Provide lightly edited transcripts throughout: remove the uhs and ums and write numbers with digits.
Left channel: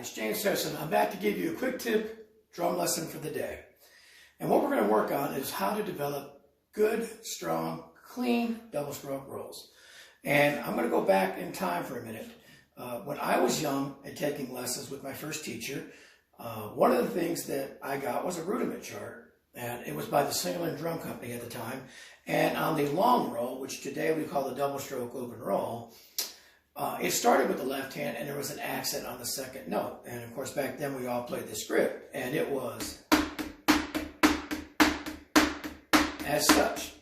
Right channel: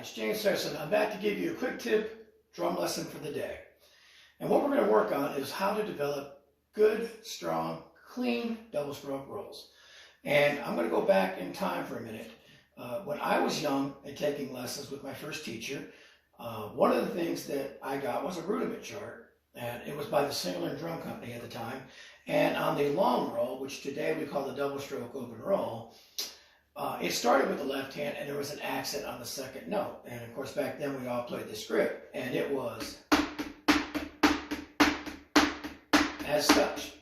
it's James Harrison. I'm back to give you a quick tip drum lesson for the day. And what we're going to work on is how to develop good, strong, clean double stroke rolls. And I'm going to go back in time for a minute. When I was young and taking lessons with my first teacher, one of the things that I got was a rudiment chart. And it was by the Singer and Drum Company at the time. And on the long roll, which today we call the double stroke open roll, it started with the left hand and there was an accent on the second note. And of course back then we all played the script and it was as such.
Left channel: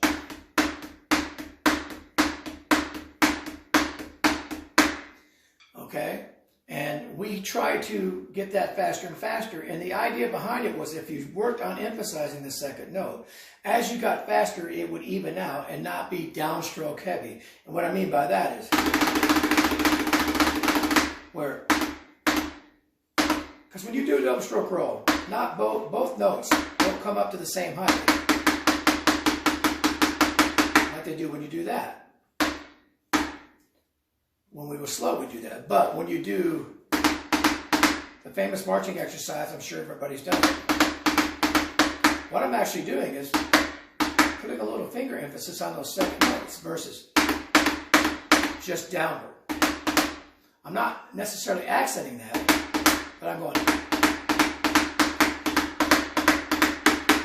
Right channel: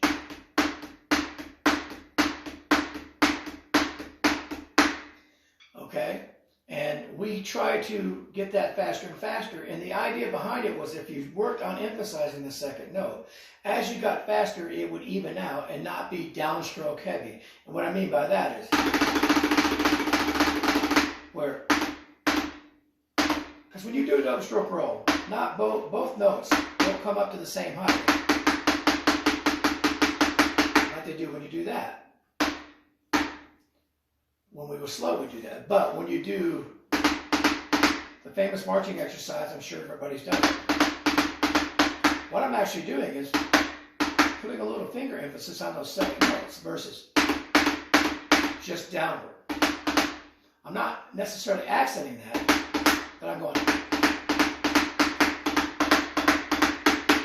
Okay? And we tried to get that faster and faster, and the idea behind it was if you worked on emphasizing the second note, as you got faster, it would even out and not be downstroke heavy. And what I mean by that is where, because when you do a double stroke roll, not both notes don't come up to the same height like they do when you do that. When we were slow, we do that. But when you do the famous marching exercise, I'm sure everybody's done it. What I'm actually doing is putting a little finger emphasis on those second notes versus just downward. I'm not necessarily accenting that, but I'm going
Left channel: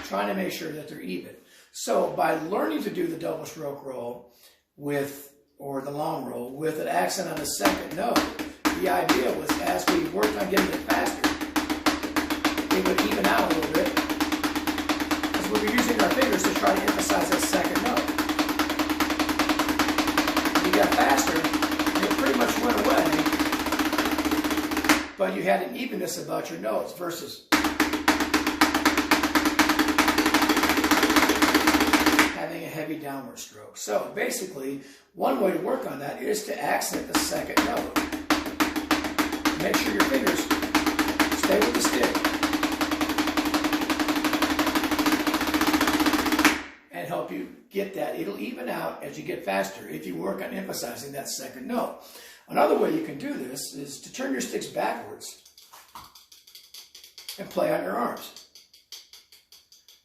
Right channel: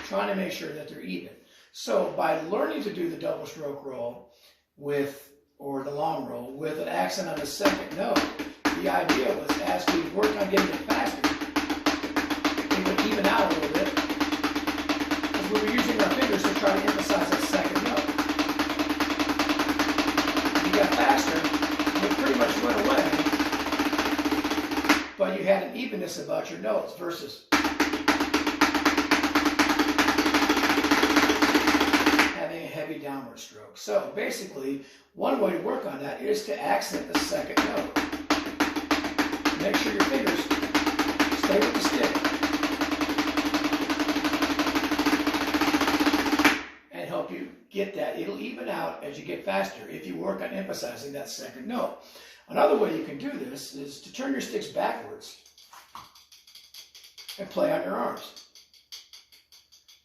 trying to make sure that they're even. So by learning to do the double stroke roll or the long roll with an accent on the second note, the idea was as we worked on getting it faster, it would even out a little bit because we were using our fingers to try to emphasize that second note. As you got faster, it pretty much went away, but you had an evenness about your notes versus having a heavy downward stroke. So basically, one way to work on that is to accent the second note. Make sure your fingers stay with the stick and help you get that. It'll even out as you get faster if you work on emphasizing that second note. Another way you can do this is to turn your sticks backwards and play on your arms.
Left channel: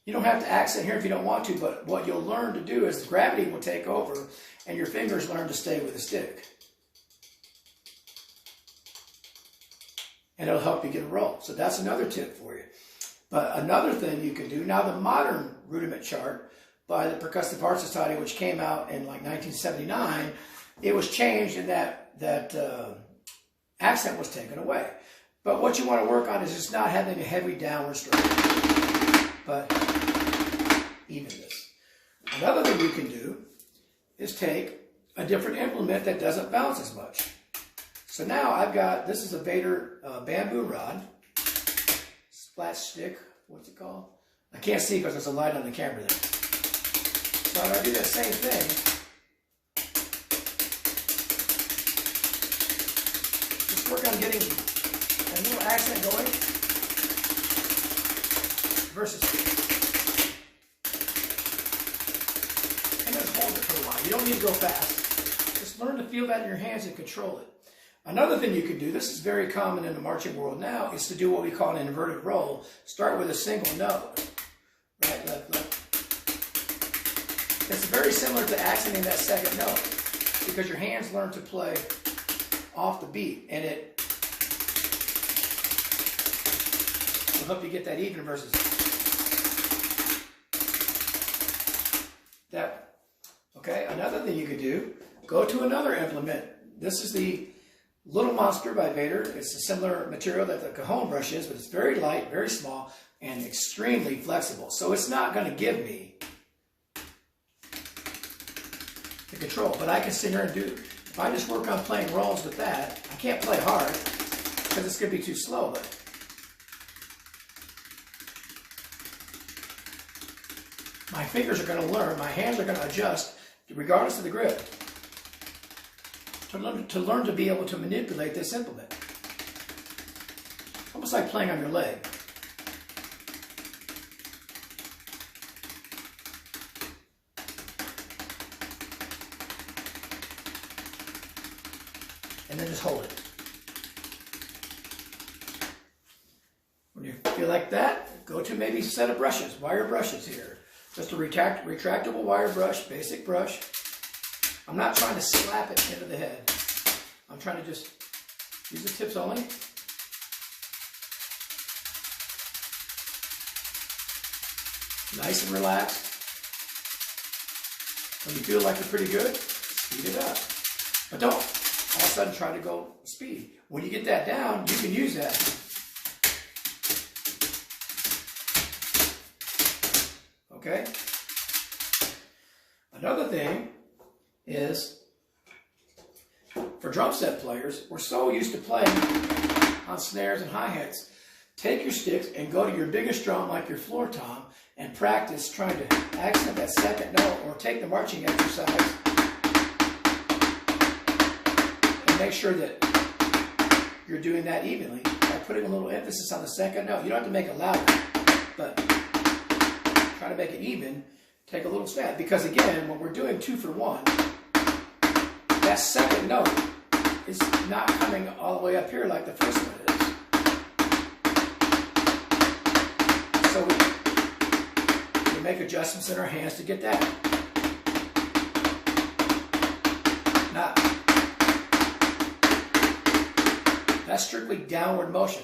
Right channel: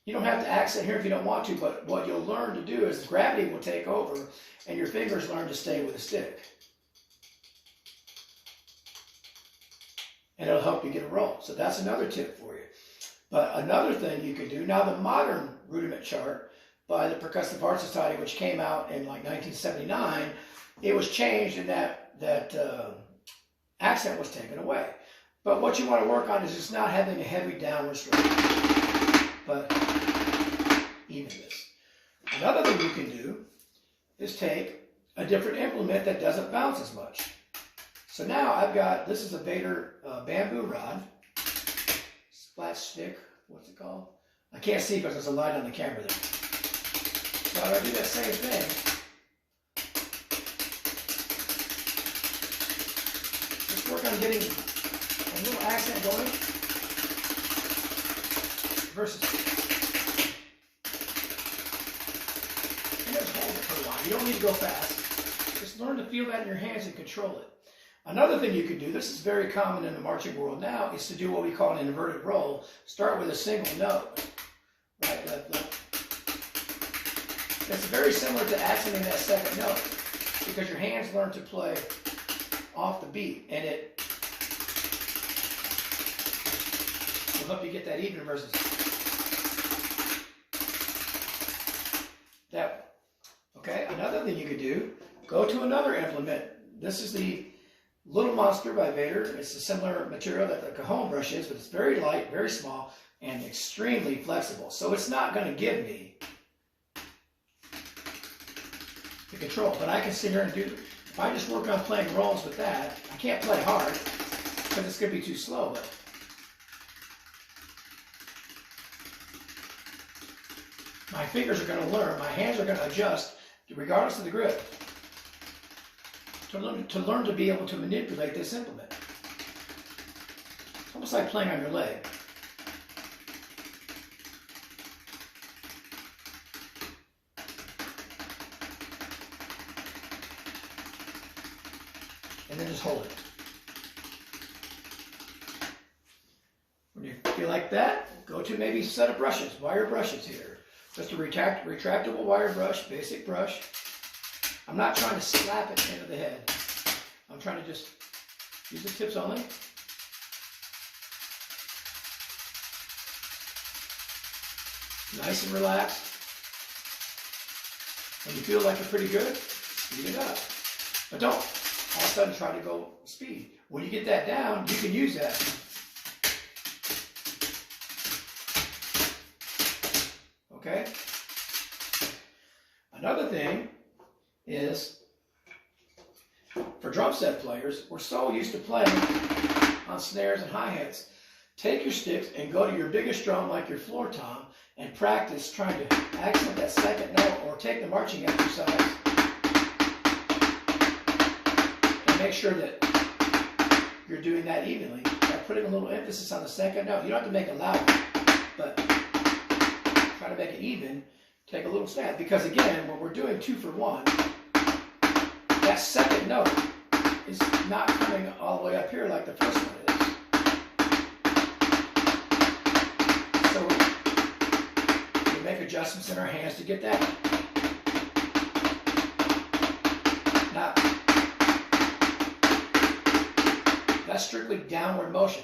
You don't have to accent here if you don't want to, but what you'll learn to do is gravity will take over and your fingers learn to stay with the stick. And it'll help you get a roll. So that's another tip for you. But another thing you can do, now the modern rudiment chart by the Percussive Art Society, which came out in like 1979, it was changed and that accent was taken away. But what you want to work on is just not having a heavy downward stroke, but evenness. Another thing you can do is take a different implement that doesn't bounce as much. So now I've got, this is a Vader bamboo rod, splat stick, what's it called? I can't see because there's a light on the camera there. So I'm going to do that same thing. Just work on getting a little accent going versus, and just hold it for a while. You don't need to go fast. Just learn to feel that in your hands and control it. Another thing you can do, this is very common in the marching world now, is to do what we call an inverted roll. Start with a single note. Right, left, left. It's very similar to accenting that second note because your hands learn to play off the beat and it will help you get that even versus that. Okay, another thing you could do, go to another implement. This is the Little Monster by Vader. It's a similar material that the cajon brush is, but it's very light, very small, and extremely flexible. So it's not going to give me the control, but I can sit here and do, if I just work on playing rolls with that, I can't play hard because it's going to be too slow, but my fingers are going to learn, my hands are going to adjust regardless of the grip. To learn to be able to manipulate this implement. Almost like playing on your leg. And then just hold it. you like that, go to maybe a set of brushes, wire brushes here. Just a retractable wire brush, basic brush. I'm not trying to slap it into the head. I'm trying to just use the tips only. Nice and relaxed. When you feel like you're pretty good, speed it up. But don't all of a sudden try to go speed. When you get that down, you can use that. Okay? Another thing is, for drum set players, we're so used to playing on snares and hi-hats. Take your sticks and go to your biggest drum, like your floor tom, and practice trying to accent that second note, or take the marching exercise and make sure that you're doing that evenly by putting a little emphasis on the second note. You don't have to make it loud, but try to make it even. Take a little snap, because again, when we're doing 2 for 1, that second note is not coming all the way up here like the first one is. So we make adjustments in our hands to get that. Now, that's strictly downward motion.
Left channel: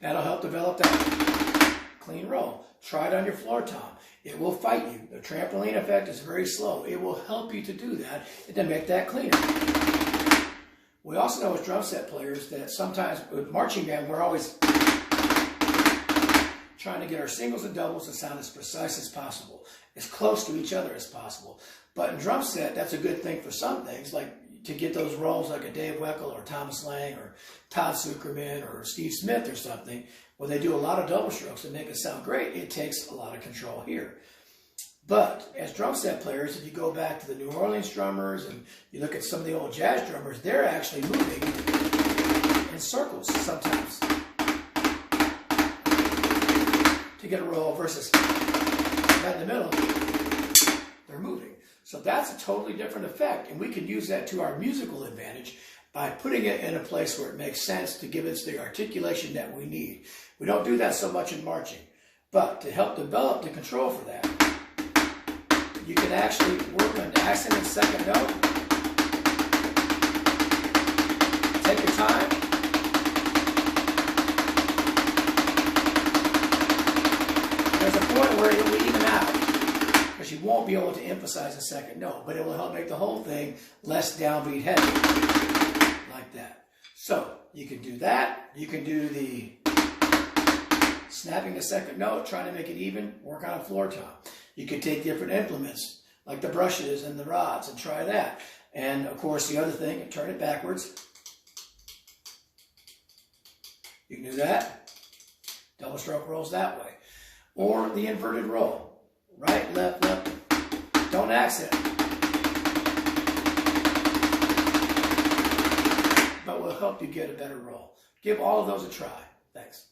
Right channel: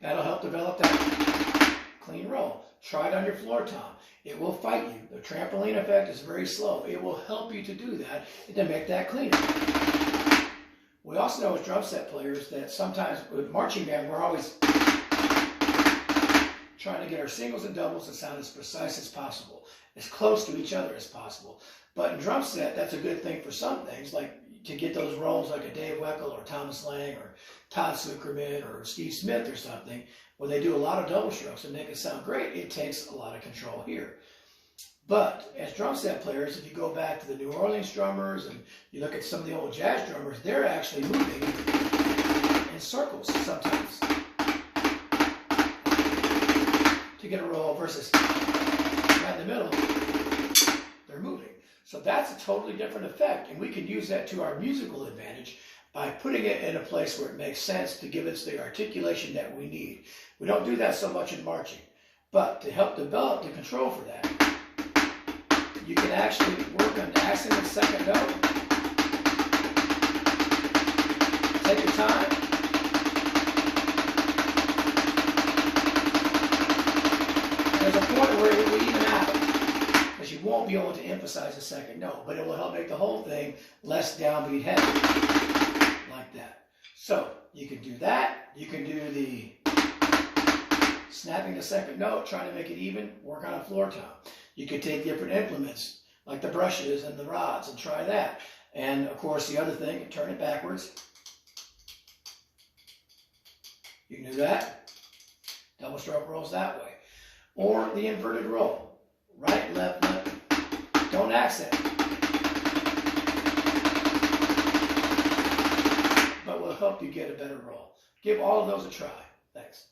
That'll help develop that clean roll. Try it on your floor tom. It will fight you. The trampoline effect is very slow. It will help you to do that and to make that cleaner. We also know as drum set players that sometimes with marching band, we're always trying to get our singles and doubles to sound as precise as possible, as close to each other as possible. But in drum set, that's a good thing for some things, like to get those rolls like a Dave Weckl or Thomas Lang or Todd Zuckerman or Steve Smith or something, where they do a lot of double strokes and make it sound great. It takes a lot of control here. But as drum set players, if you go back to the New Orleans drummers and you look at some of the old jazz drummers, they're actually moving in circles sometimes to get a roll, versus right in the middle, they're moving. So that's a totally different effect, and we can use that to our musical advantage by putting it in a place where it makes sense to give us the articulation that we need. We don't do that so much in marching, but to help develop the control for that, you can actually work on the accent and second note. Take your time. There's a point where it will even out, because you won't be able to emphasize the second note, but it will help make the whole thing less downbeat heavy, like that. So you can do that. You can do the snapping the second note, trying to make it even, work on a floor tom. You can take different implements, like the brushes and the rods, and try that. And of course, the other thing, turn it backwards. You can do that. Double stroke rolls that way. Or the inverted roll. Right, left, left. Don't accent. But will help you get a better roll. Give all of those a try. Thanks.